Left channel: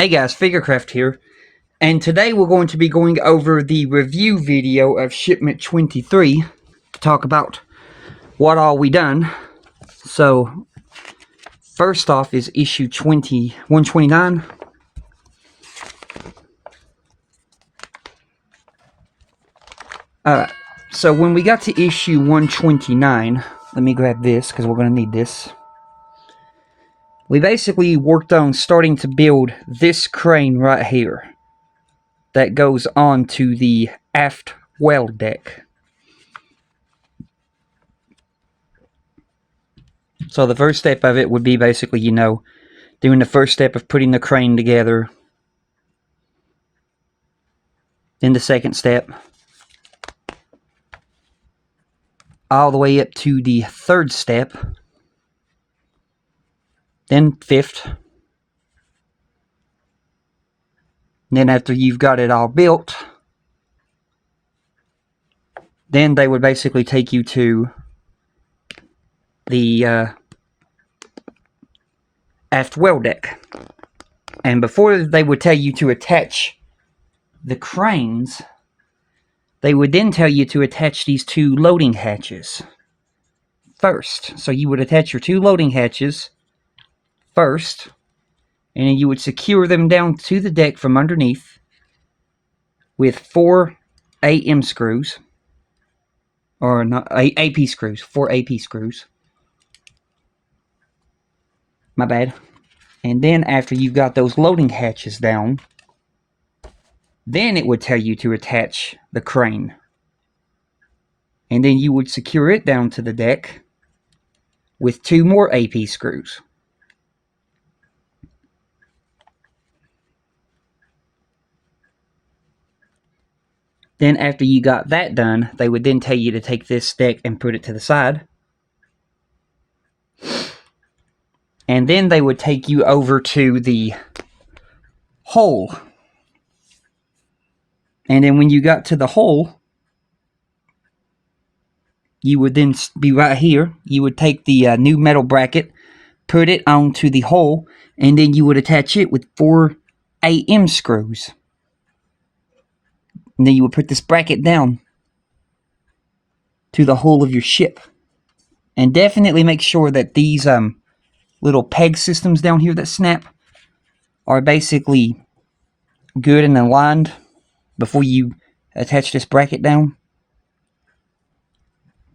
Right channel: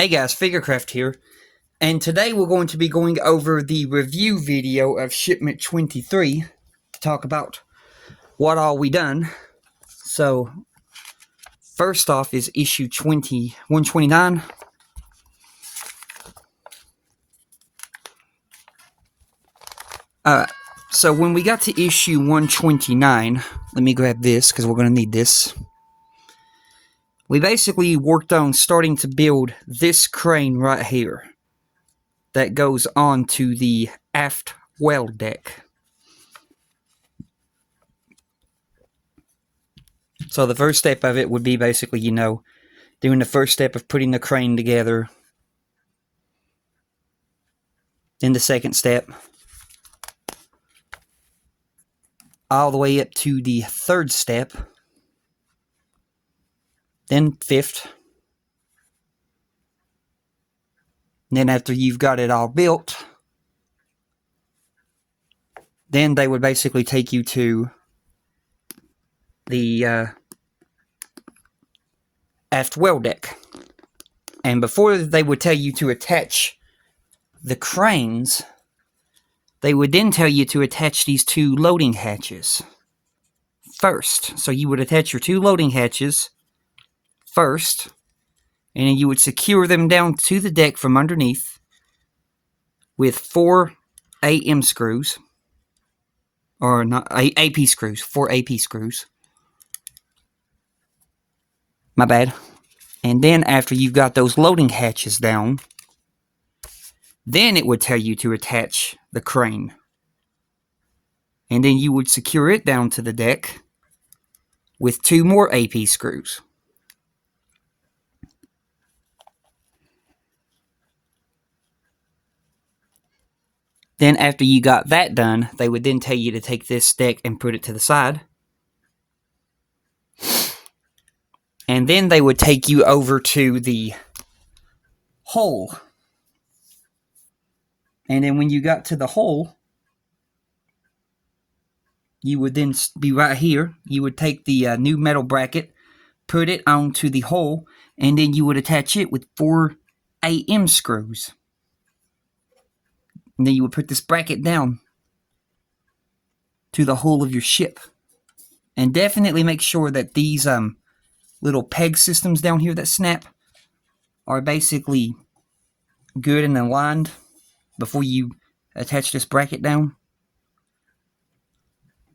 Hey guys, Figurecraft here, and today we're going to be going over the review video of shipment 23 to talk about what all we done. So, first off is issue 129. Alright, so when we got to issue 129, let me grab this because we're going to need this. We basically worked on starting to build this crane right here that goes on to the aft well deck. So the first step of it would be basically, doing the first step of putting the crane together. Then the second step. All the way up to the third step. Then fifth. Then after you've got it all built, then they would basically take you to the aft well deck. And before they would tell you to attach the cranes, they would then tell you to attach these two loading hatches first. So you would attach your two loading hatches first, and then you would secure them down to the deck from underneath with 4 AM screws, or not AP screws, 4 AP screws. My bad. And then after you've got those loading hatches down, then it would tell you to attach the crane. And then you would secure it down to the deck with 2 more AP screws. Then after you got that done, they would then tell you to take this deck and put it to the side. And then they would take you over to the hole. And then when you got to the hole, you would then be right here. You would take the new metal bracket, put it onto the hole, and then you would attach it with 4 AM screws. And then you would put this bracket down to the hull of your ship. And definitely make sure that these little peg systems down here that snap are basically good and aligned before you attach this bracket down.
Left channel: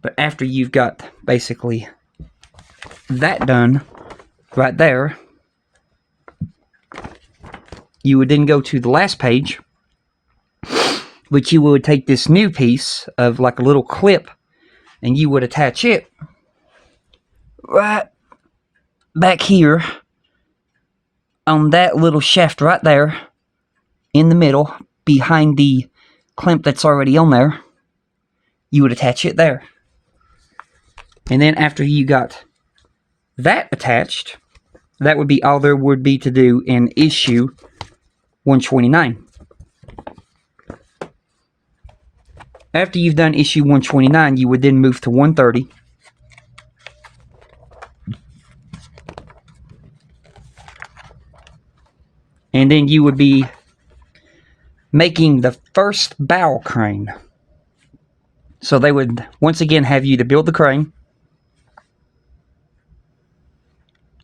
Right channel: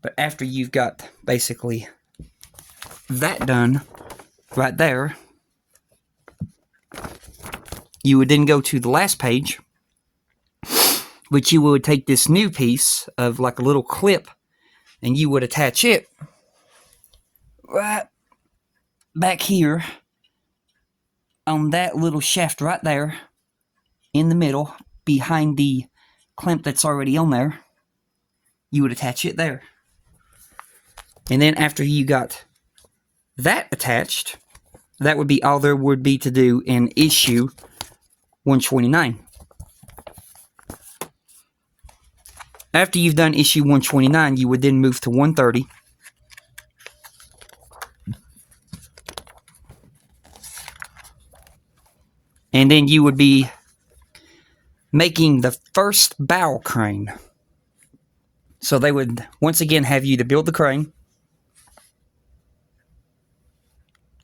But after you've got basically that done right there, you would then go to the last page, which you would take this new piece of like a little clip and you would attach it right back here on that little shaft right there in the middle behind the clamp that's already on there. You would attach it there. And then after you got that attached, that would be all there would be to do in issue 129. After you've done issue 129, you would then move to 130. And then you would be making the first bow crane. So they would once again have you to build the crane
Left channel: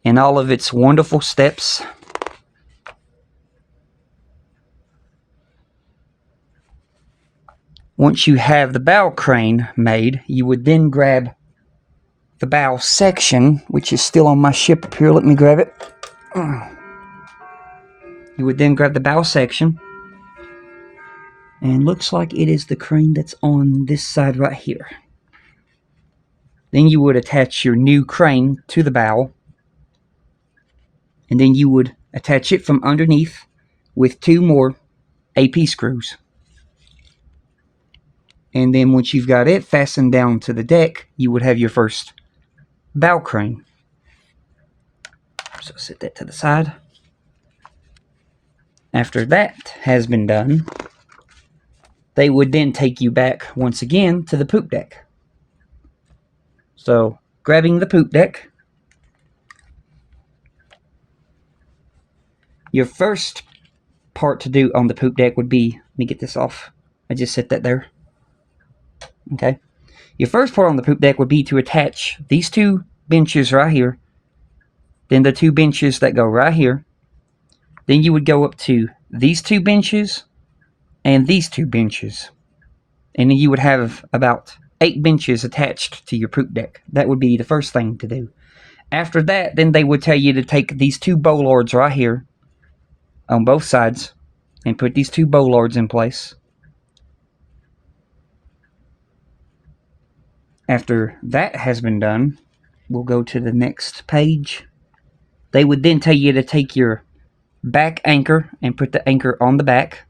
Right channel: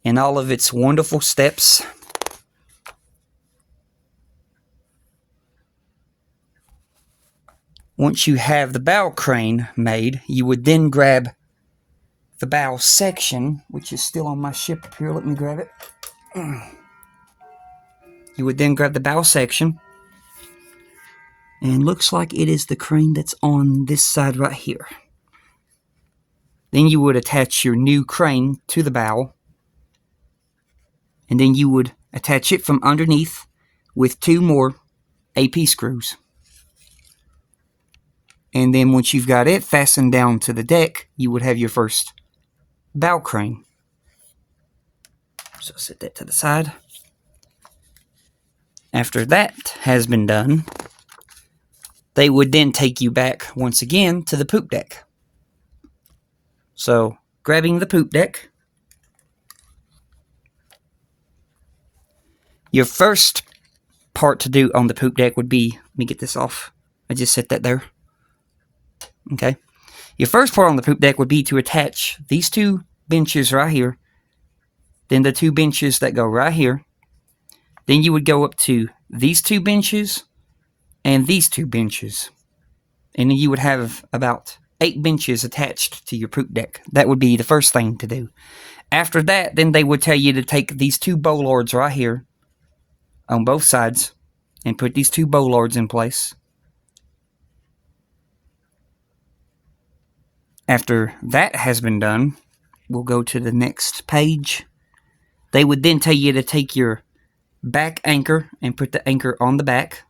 in all of its wonderful steps. Once you have the bow crane made, you would then grab the bow section, which is still on my ship up here. Let me grab it. You would then grab the bow section, and looks like it is the crane that's on this side right here. Then you would attach your new crane to the bow, and then you would attach it from underneath with 2 more AP screws. And then once you've got it fastened down to the deck, you would have your first bow crane. So set that to the side. After that has been done, they would then take you back once again to the poop deck. So, grabbing the poop deck, your first part to do on the poop deck would be, let me get this off. I just set that there. Okay. Your first part on the poop deck would be to attach these two benches right here. Then the two benches that go right here. Then you would go up to these two benches and these two benches. And then you would have about 8 benches attached to your poop deck. That would be the first thing to do. After that, then they would tell you to take these two bollards right here on both sides and put these two bollards in place. After that has been done, we'll go to the next page. They would then tell you to take your back anchor and put the anchor on the back.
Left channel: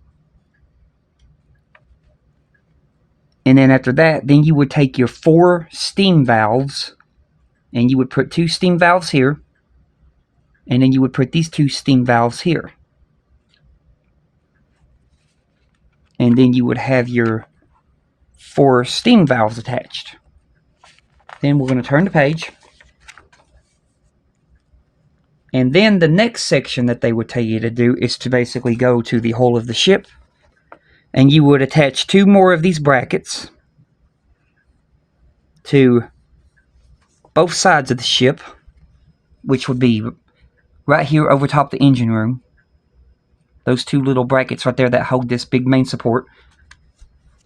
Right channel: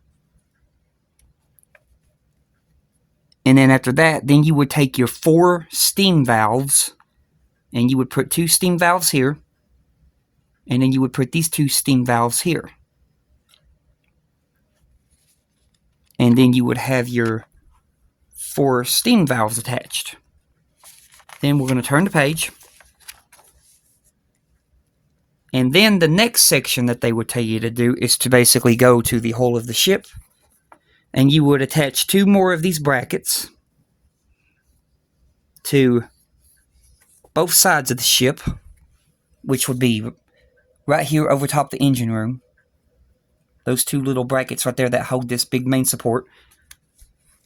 And then after that, then you would take your 4 steam valves and you would put 2 steam valves here. And then you would put these 2 steam valves here. And then you would have your 4 steam valves attached. Then we're going to turn the page. And then the next section that they would tell you to do is to basically go to the hull of the ship. And you would attach 2 more of these brackets to both sides of the ship, which would be right here over top the engine room. Those 2 little brackets right there that hold this big main support.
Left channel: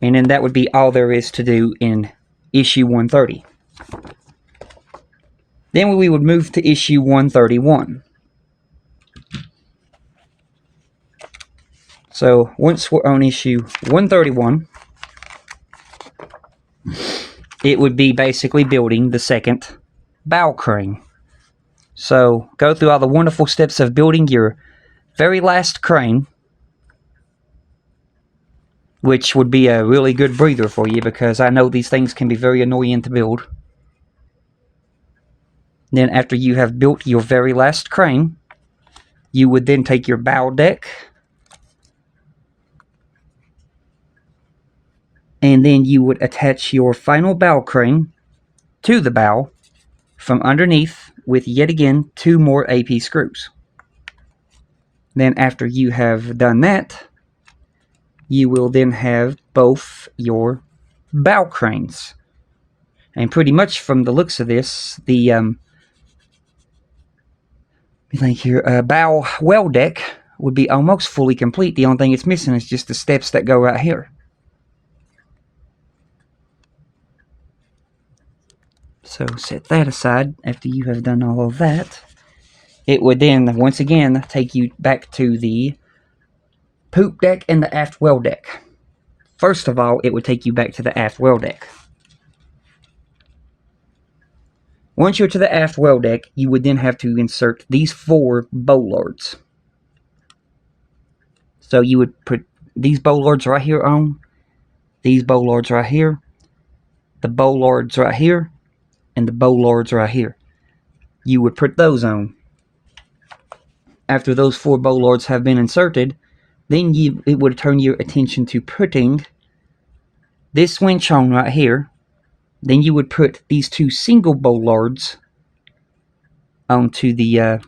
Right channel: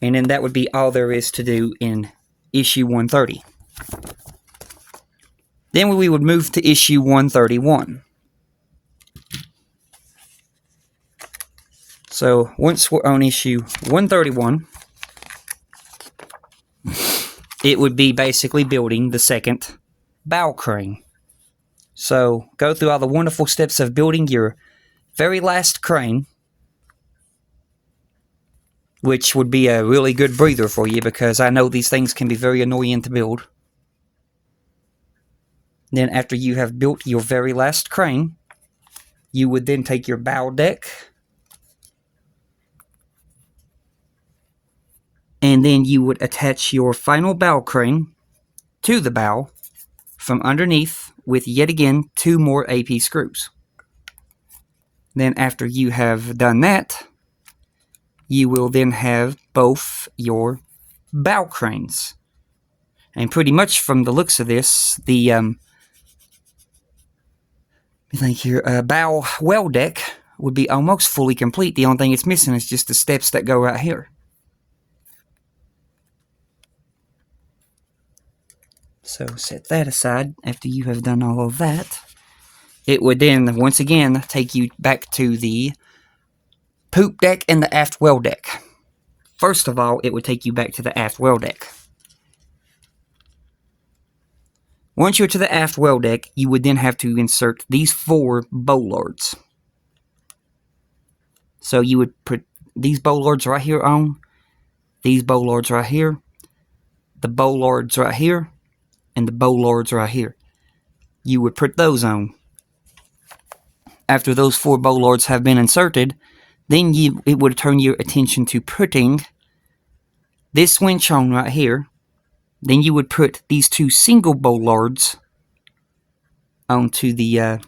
And then that would be all there is to do in issue 130. Then we would move to issue 131. So once we're on issue 131, it would be basically building the second bow crane. So go through all the wonderful steps of building your very last crane, which would be a really good breather for you because I know these things can be very annoying to build. Then after you have built your very last crane, you would then take your bow deck and then you would attach your final bow crane to the bow from underneath with yet again 2 more AP screws. Then after you have done that, you will then have both your bow cranes. And pretty much from the looks of this, the bow well deck would be almost fully complete. The only thing it's missing is just the steps that go right here. So set that aside after you have done all of that. It would then, once again, take you back to the poop deck and the aft well deck. First of all, it would take you back to the aft well deck. Once you're to the aft well deck, you would then have to insert these 4 bollards. So you would put these bollards right here on, these bollards right here, the bollards right here, and the bollards right here. You would put those on. After those 4 bollards have been inserted, then it would turn your attention to putting this winch on right here. Then you would put these 2 single bollards onto the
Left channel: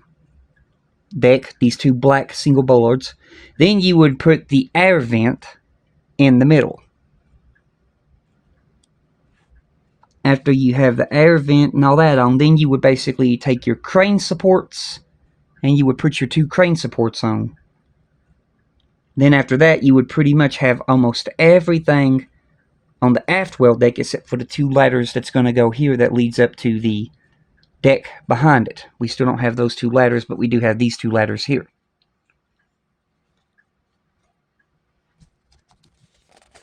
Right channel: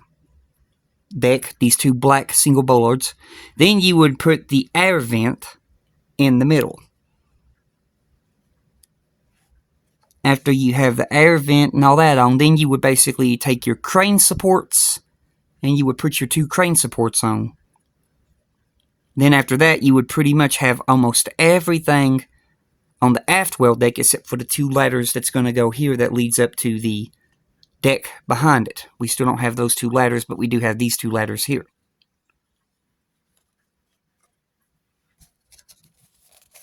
deck, these 2 black single bollards. Then you would put the air vent in the middle. After you have the air vent and all that on, then you would basically take your crane supports and you would put your 2 crane supports on. Then after that, you would pretty much have almost everything on the aft well deck except for the 2 ladders that's going to go here that leads up to the deck behind it. We still don't have those 2 ladders, but we do have these 2 ladders here.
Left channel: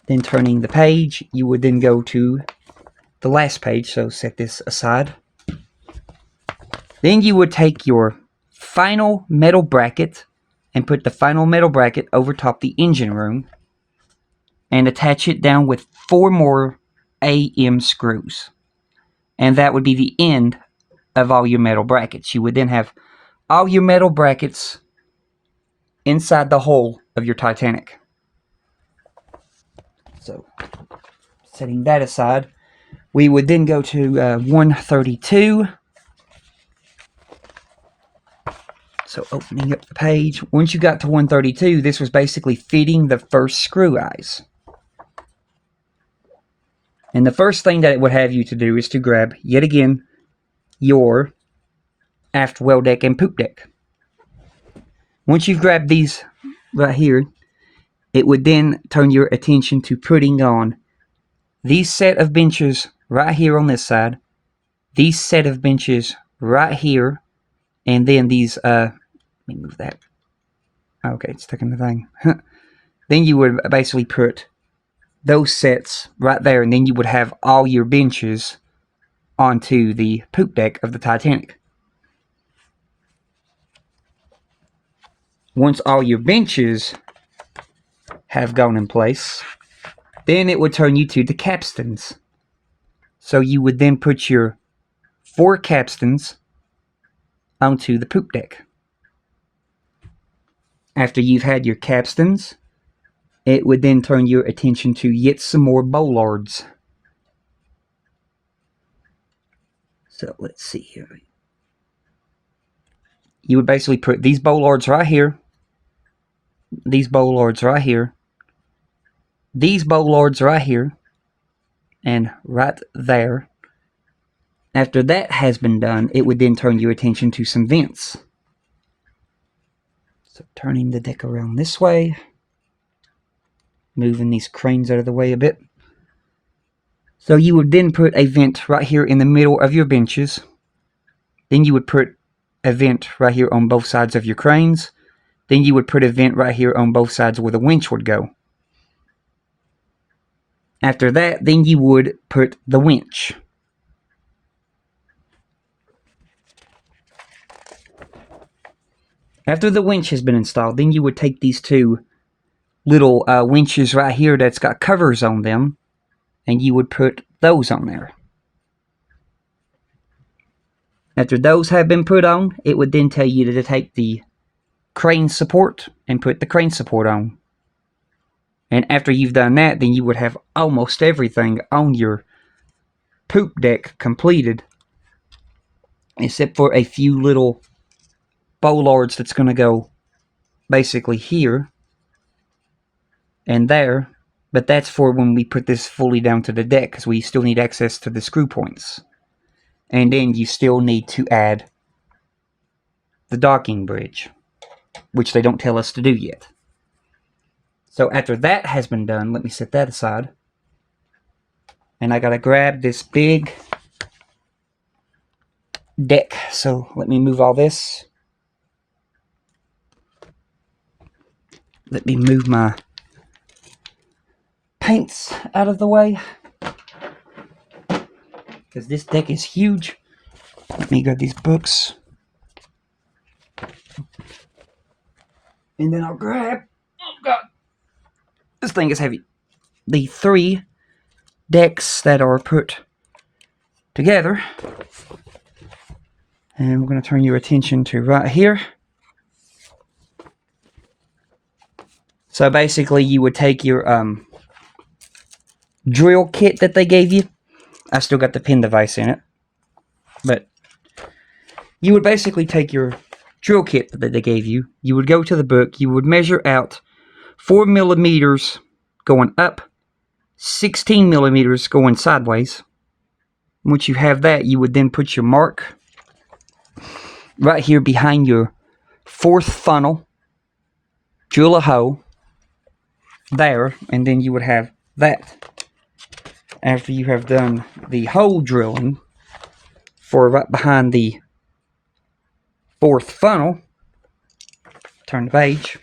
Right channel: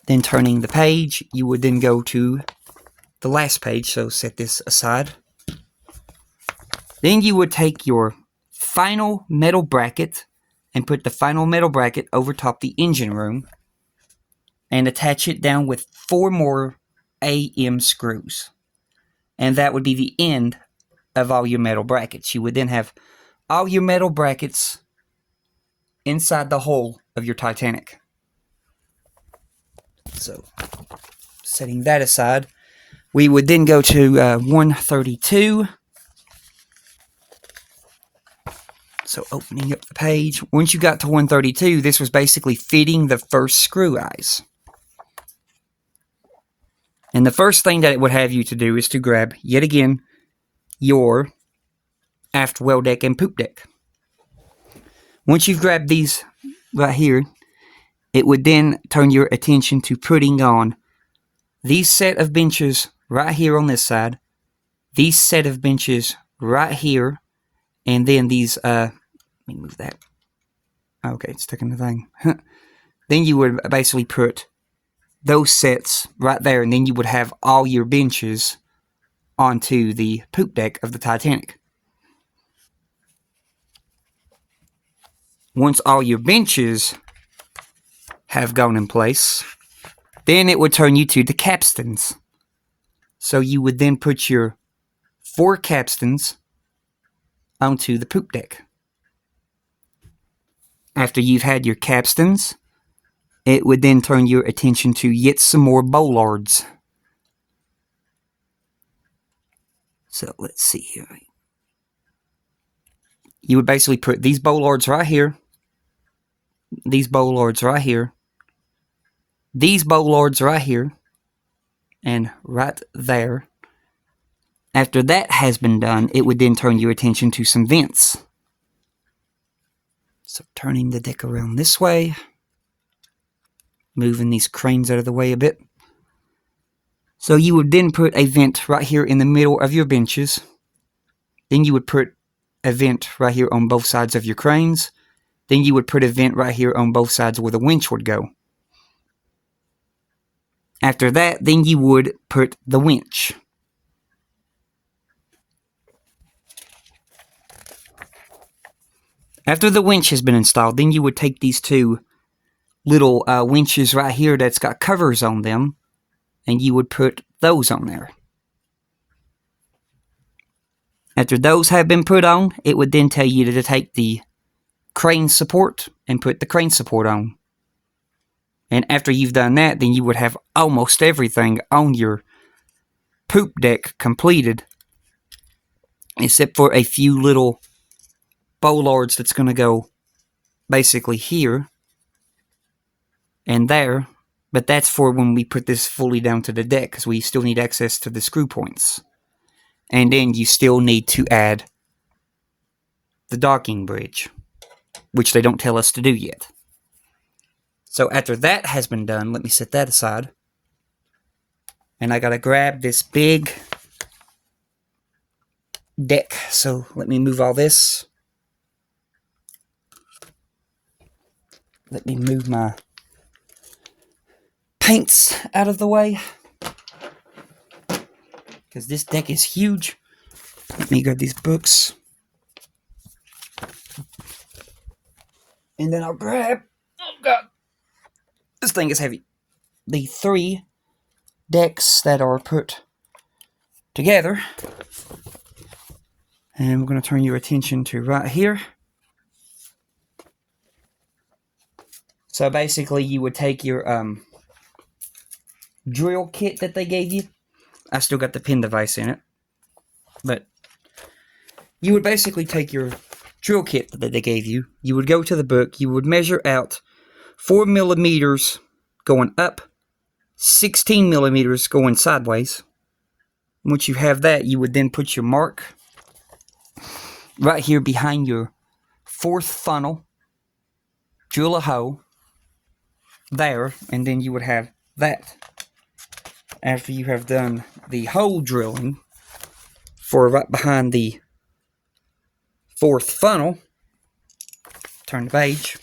Then turning the page, you would then go to the last page, so set this aside. Then you would take your final metal bracket and put the final metal bracket over top the engine room and attach it down with 4 more AM screws. And that would be the end of all your metal brackets. You would then have all your metal brackets inside the hull of your Titanic. So, setting that aside, we would then go to 132. So opening up the page, once you got to 132, this was basically fitting the first screw eyes. And the first thing that it would have you to do is to grab, yet again, your aft well deck and poop deck. Once you've grabbed these right here, it would then turn your attention to putting on these set of benches right here on this side, these set of benches right here, and then these, let me move that. Okay, it's taking the thing. Then you would basically put those sets right there, and then you would have all your benches onto the poop deck of the Titanic. Once all your benches have gone in place, then it would turn you to the capstans. So you would then put your 4 capstans onto the poop deck. After you've had your capstans, it would then turn your attention to yet some more bollards. So let's see here. You would basically put these bollards right here, these bollards right here, these bollards right here, and right there. After that has been done, it would then turn your attention to some vents. So turning the deck around this way, moving these cranes out of the way a bit. So you would then put a vent right here in the middle of your benches. Then you would put a vent right here on both sides of your cranes. Then you would put a vent right here on both sides where the winch would go. After that, then you would put the winch. After the winch has been installed, then you would take these 2 little winches right here that's got covers on them, and you would put those on there. After those have been put on, it would then tell you to take the crane support and put the crane support on. And after you've done that, then you would have almost everything on your poop deck completed, except for a few little bollards that's going to go basically here and there. But that's for when we put this fully down to the deck, because we still need access to the screw points. And then you still need to add the docking bridge, which they don't tell us to do yet. So after that has been done, let me set that aside. And I gotta grab this big deck. So let me move all this. Let me move my paints out of the way, because this deck is huge. Let me grab these books. And then I'll grab, oh god, this thing is heavy, the 3 decks that are put together. And we're going to turn your attention to right here. So basically you would take your drill kit that they gave you. I still got the pin device in it. But you would basically take your drill kit that they gave you. You would go to the book. You would measure out 4 millimeters going up, 16 millimeters going sideways. Once you have that, you would then put your mark right here behind your 4th funnel. Drill a hole there, and then you would have that. After you have done the hole drilling for right behind the 4th funnel, turn the page,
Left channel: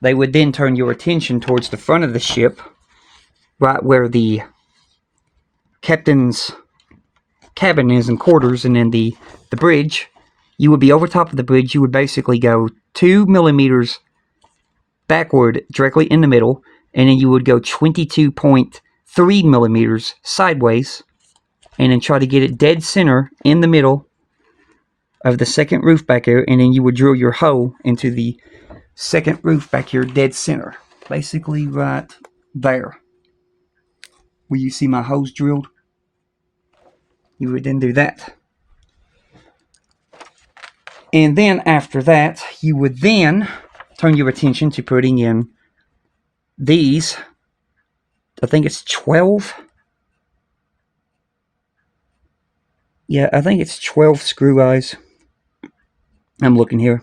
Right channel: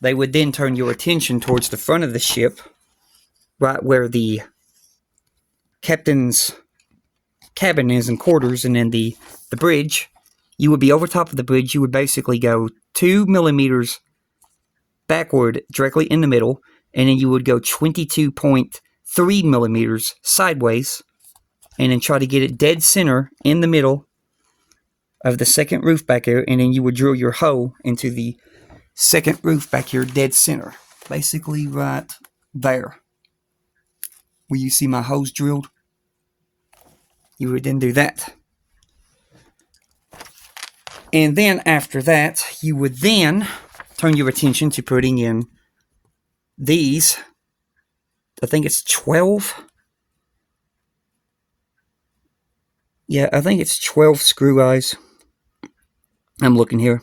they would then turn your attention towards the front of the ship, right where the captain's cabin is and quarters, and then the bridge. You would be over top of the bridge. You would basically go 2 millimeters backward directly in the middle, and then you would go 22.3 millimeters sideways, and then try to get it dead center in the middle of the 2nd roof back here, and then you would drill your hole into the 2nd roof back here dead center, basically right there where you see my holes drilled. You would then do that. And then after that, you would then turn your attention to putting in these. I think it's 12. Yeah, I think it's 12 screw eyes. I'm looking here.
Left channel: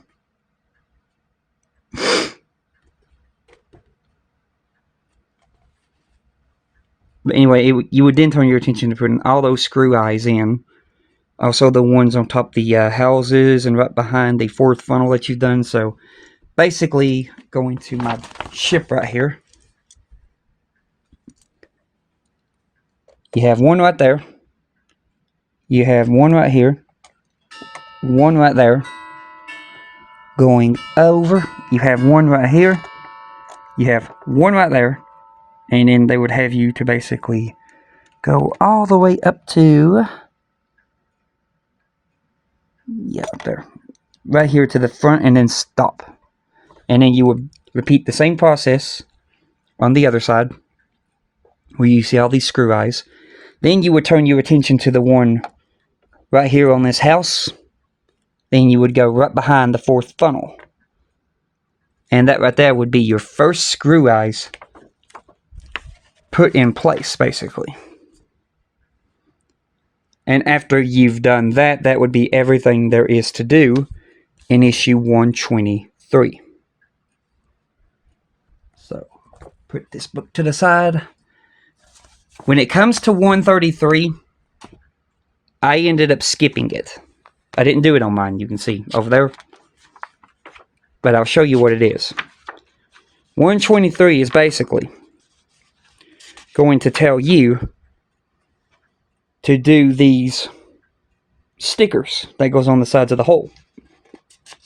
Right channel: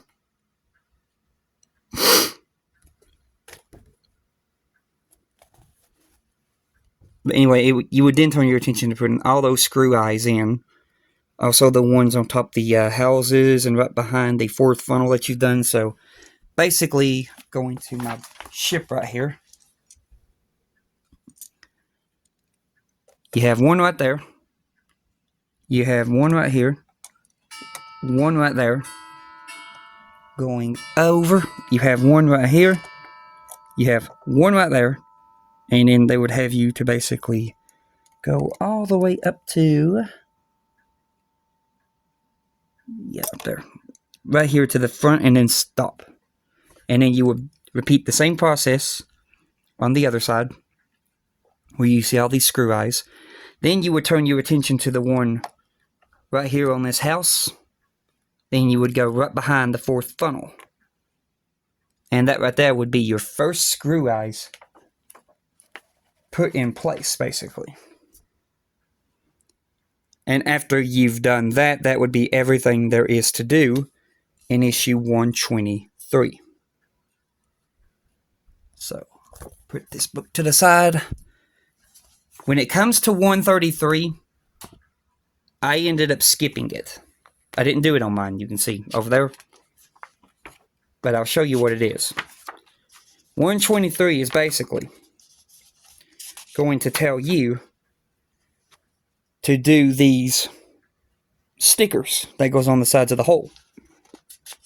But anyway, you would then turn your attention to putting all those screw eyes in. Also the ones on top of the houses and right behind the fourth funnel that you've done. So basically, going to my ship right here. You have one right there. You have one right here. One right there. Going over. You have one right here. You have one right there. And then they would have you to basically go all the way up to... yeah, up there. Right here to the front and then stop. And then you would repeat the same process on the other side. Where you see all these screw eyes. Then you would turn your attention to the one right here on this house. Then you would go right behind the fourth funnel. And that right there would be your first screw eyes put in place, basically. And after you've done that, that would be everything there is to do in issue 123. So, put this book to the side. When it comes to 133, I ended up skipping it. I didn't do it on mine, you can see over there. But I'll show you what it is. 123 is basically going to tell you to do these stickers that goes on the sides of the hole.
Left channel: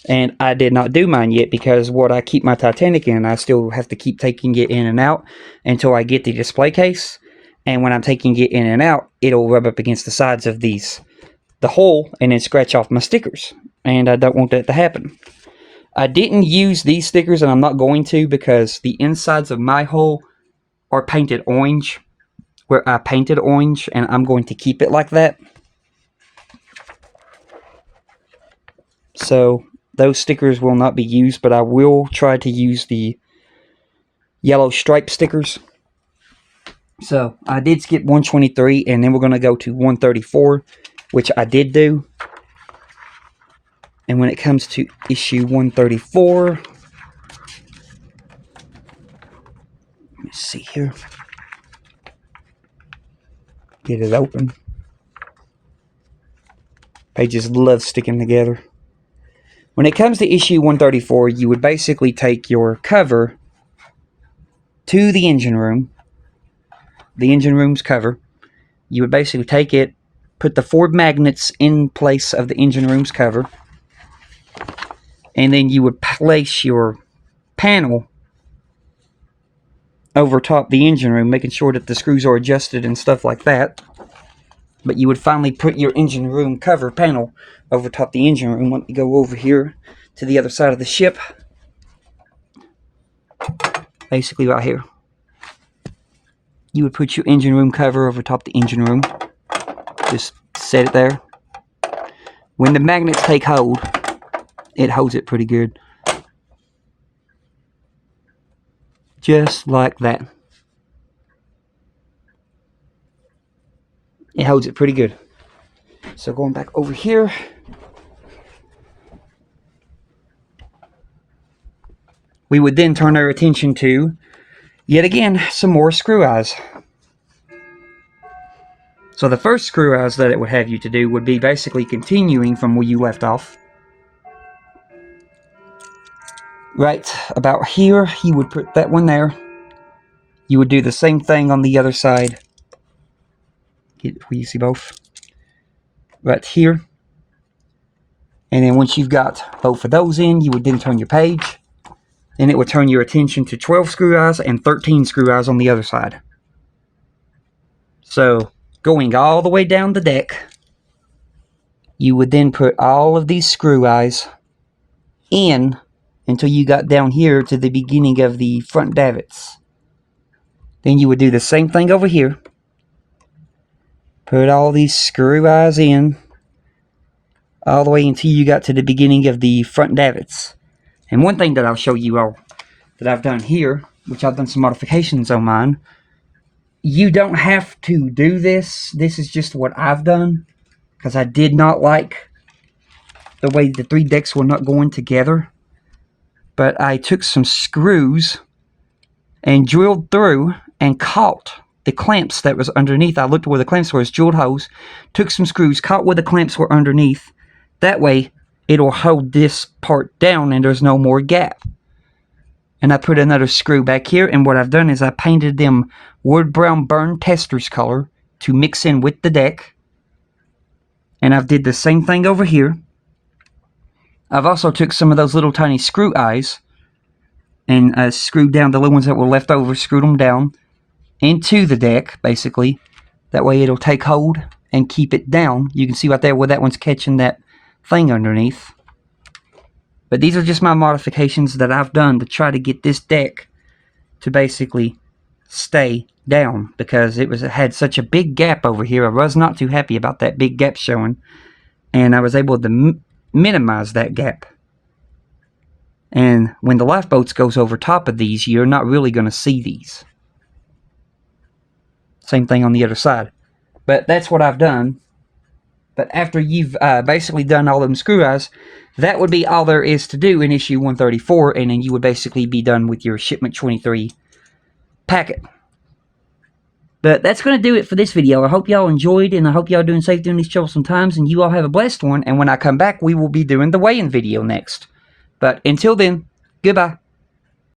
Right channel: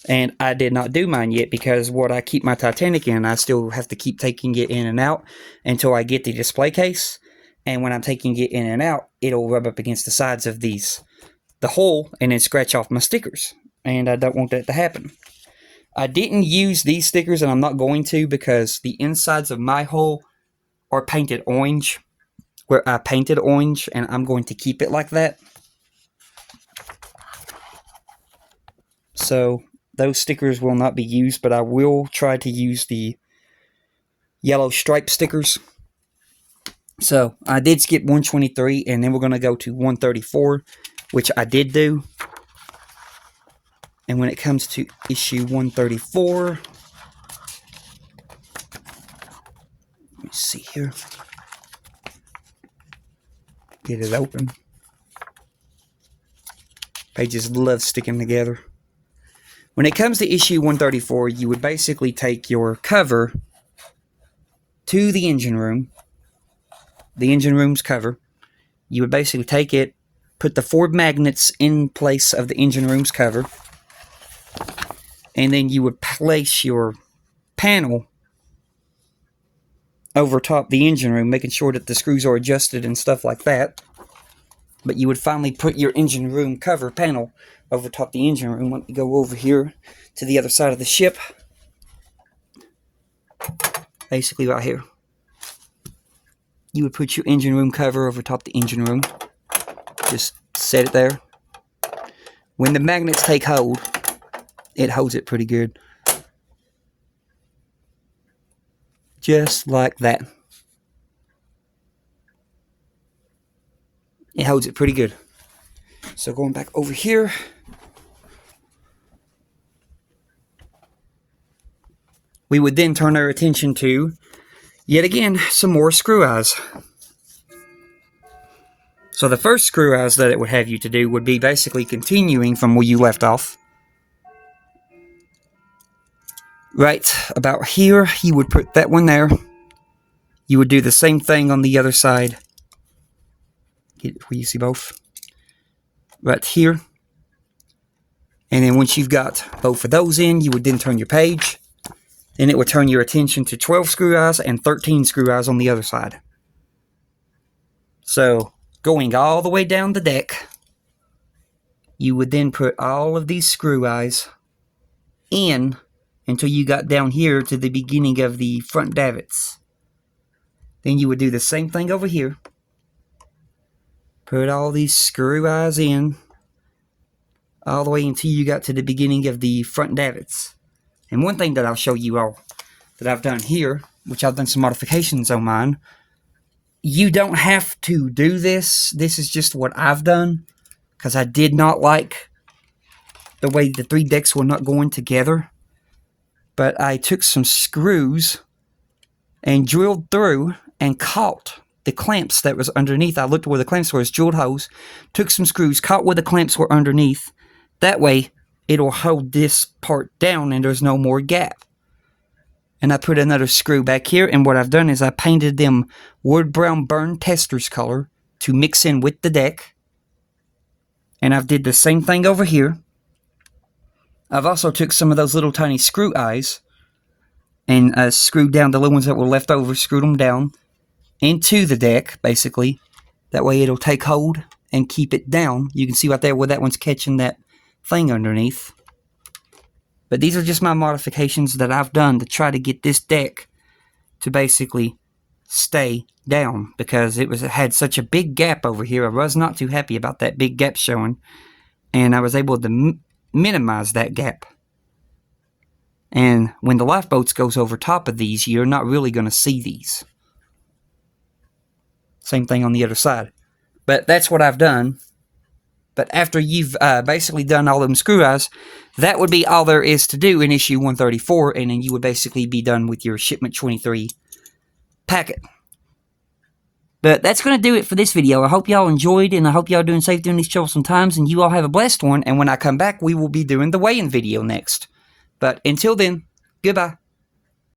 And I did not do mine yet because what I keep my Titanic in, I still have to keep taking it in and out until I get the display case. And when I'm taking it in and out, it'll rub up against the sides of the hole and then scratch off my stickers. And I don't want that to happen. I didn't use these stickers and I'm not going to because the insides of my hole are painted orange. Where I painted orange and I'm going to keep it like that. So those stickers will not be used, but I will try to use the yellow stripe stickers. So I did skip 123 and then we're going to go to 134, which I did do. And when it comes to issue 134, let me see here. Get it open. Pages love sticking together. When it comes to issue 134, you would basically take your cover to the engine room. The engine room's cover. You would basically take it, put the 4 magnets in place of the engine room's cover, and then you would place your panel over top the engine room, making sure that the screws are adjusted and stuff like that. But you would finally put your engine room cover panel over top the engine room. Let me go over here to the other side of the ship. Basically right here. You would put your engine room cover over top the engine room. Just set it there. When the magnets take hold, it holds it pretty good. Just like that. It holds it pretty good. So going back over here. We would then turn our attention to, yet again, some more screw eyes. So the first screw eyes that it would have you to do would be basically continuing from where you left off. Right about here, you would put that one there. You would do the same thing on the other side. Will you see both? Right here. And then once you've got both of those in, you would then turn your page. Then it would turn your attention to 12 screw eyes and 13 screw eyes on the other side. So, going all the way down the deck, you would then put all of these screw eyes in until you got down here to the beginning of the front davits. Then you would do the same thing over here. Put all these screw eyes in all the way until you got to the beginning of the front davits. And one thing that I'll show you all that I've done here, which I've done some modifications on mine, you don't have to do this. This is just what I've done, because I did not like the way the 3 decks were not going together. But I took some screws and drilled through and caught the clamps that was underneath. I looked where the clamps were, drilled holes, took some screws, caught where the clamps were underneath. That way, it'll hold this part down and there's no more gap. And I put another screw back here, and what I've done is I painted them wood brown burn testers color to mix in with the deck. And I've did the same thing over here. I've also took some of those little tiny screw eyes and screwed down the little ones that were left over, screwed them down into the deck, basically. That way it'll take hold and keep it down. You can see right there where that one's catching that thing underneath. But these are just my modifications that I've done to try to get this deck to basically stay down, because it had such a big gap over here. I was not too happy about that big gap showing, and I was able to minimize that gap. And when the lifeboats goes over top of these, you're not really going to see these. Same thing on the other side. But that's what I've done. But after you've basically done all them screw eyes, that would be all there is to do in issue 134, and then you would basically be done with your shipment 23 packet. But that's going to do it for this video. I hope y'all enjoyed, and I hope y'all doing safe during these troublesome times, and you all have a blessed one. And when I come back, we will be doing the weigh-in video next. But until then, goodbye.